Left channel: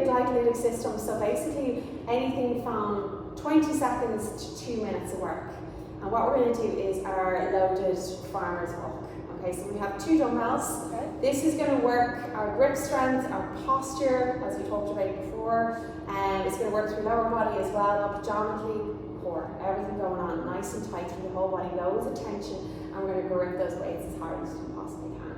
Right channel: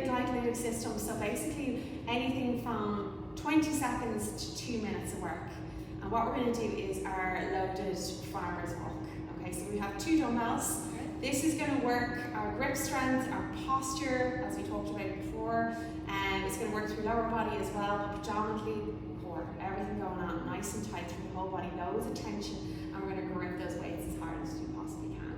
the glycolytic system, so basically anything from 20 seconds to 2 minutes of work. And what we're going to do is our loaded farmer's walk. Okay, so we have 2 dumbbells. Okay. This is going to work our grip strength, our posture, as we talked about before, and it's going to work through lower body as well, abdominally, core, everything going on nice and tight through the whole body, loads of tension, and we're going to grip those weights as hard as we possibly can.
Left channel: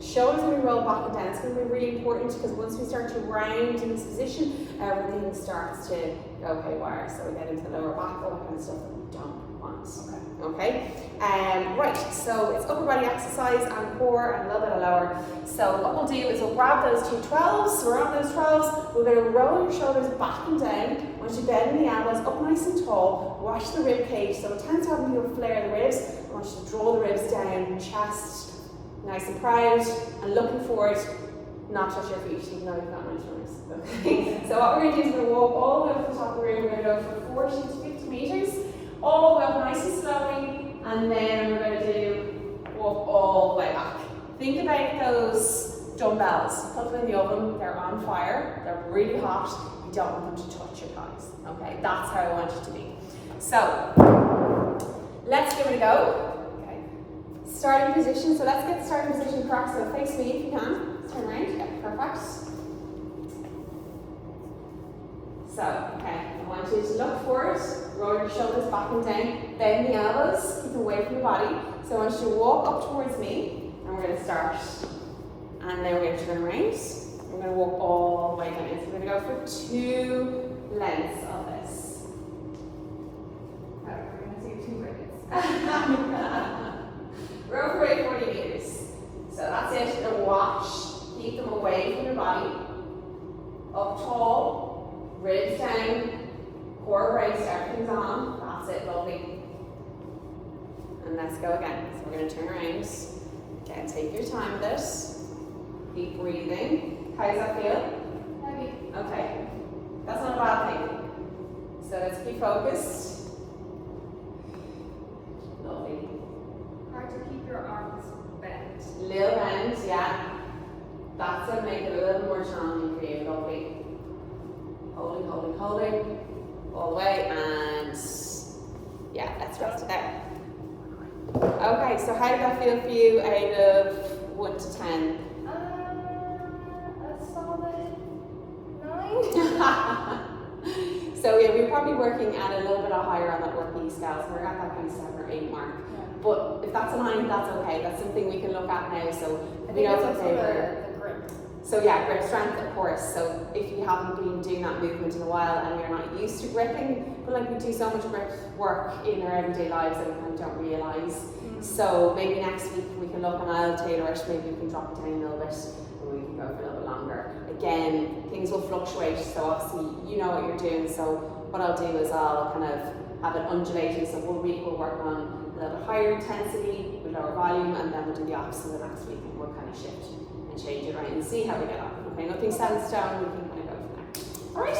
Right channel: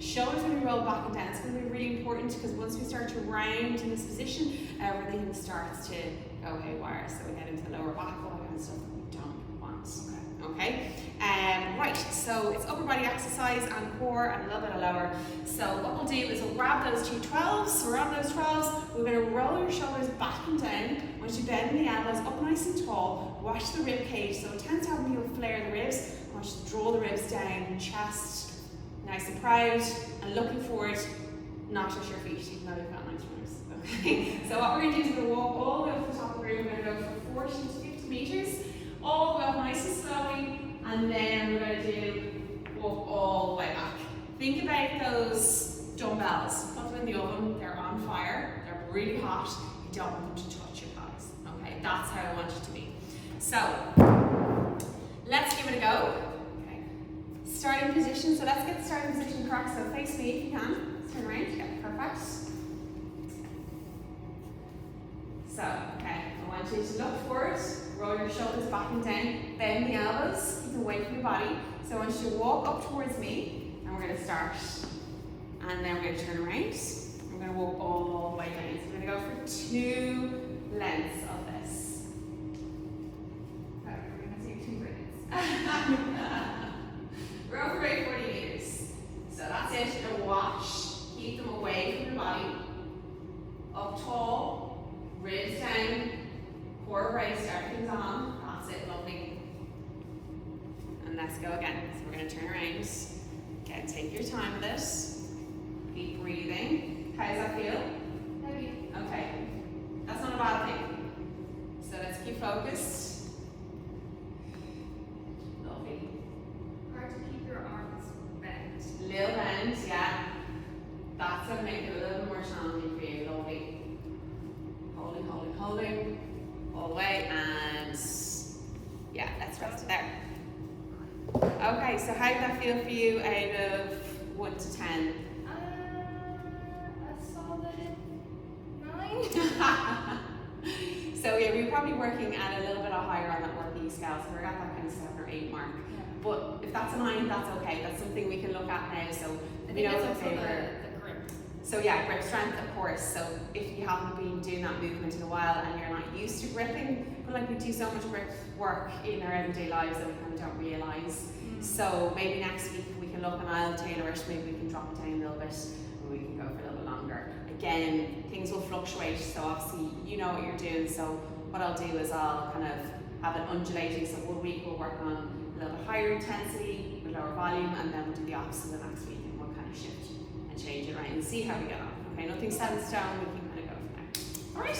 Shoulders going to roll back and down. It's going to be really important because once we start to round in this position, everything starts to go haywire. So we get into the lower back, all that kind of stuff that we don't want. Okay. Right, so it's upper body exercise and core and a little bit of lower. So what we'll do is we'll grab those 2 12s. So we're on those 12s. We're going to roll your shoulders back and down. Once you bend the elbows up nice and tall, watch the rib cage. So it tends to have people flare the ribs. I want you to draw the ribs down, chest nice and proud, and looking forward, not at your feet, even though you've got nice runners. Okay. So what we're going to do is we're going to walk all the way up the top of the room. We're going to go for 40 to 50 meters, all the way up nice and slowly. And then we're going to do walk all the way back. Think about those dumbbells. Put them in the oven. They're on fire. They're really hot. You don't want them to touch your thighs. Okay, that's how I want you to be. So let's give it a go. Okay. Starting position. So let's get the starting position correct. So face me if you can. Turn around. Yeah, perfect. So, okay, I want you to look forward, roll your shoulders back and down, bend the elbows, keep them away from your body. So I want you to walk up towards me, and we're going to start. And then we're going to turn around. We're going to walk all the way down. So we're going to go for 2 lengths of this. Okay, we're going to do 2 minutes. We're over about 40 meters. So that's it. You're going to watch, keep them away from your body. Up tall. Ribs down, core raised, everything's on. That's it, lovely. And let's go again. So we're going to turn around. Again, take your time with this. Keep breathing. How does that feel? Heavy. Okay. That's not a bad thing. So let's keep focused. Lovely. Hard to keep your arms bent. Little bend, yeah. That's going to make it a little more challenging for you. Lovely. Holding, holding, holding, all the way, and yeah, let's rest it there. Okay, so how did that feel for you out of 1 to 10? A solid 9. So yeah, we're probably working at a little bit higher on that working scale, so we're at that kind of 7 or 8 mark. Yeah. But if that's a 9, that's okay. That's something we can look at now. So I think that's also the grip. So yeah, grip strength, of course. So if you haven't been doing that movement in a while and you're not used to gripping, but like we do so much grip work in our everyday lives that we kind of don't realise. So maybe next week we can look and I'll tailor it, maybe we can drop it down a little bit and we can go for a little bit longer. Again, things will fluctuate, so obviously you know what you're doing, so what I'll do is I'll kind of have it undulating, so 1 week we'll work on a little bit higher intensity with lower volume, and then we'll do the opposite the next week and we'll kind of shift and change it around and see how we get on. Okay, nothing set in stone, we can kind of go from there. Alright?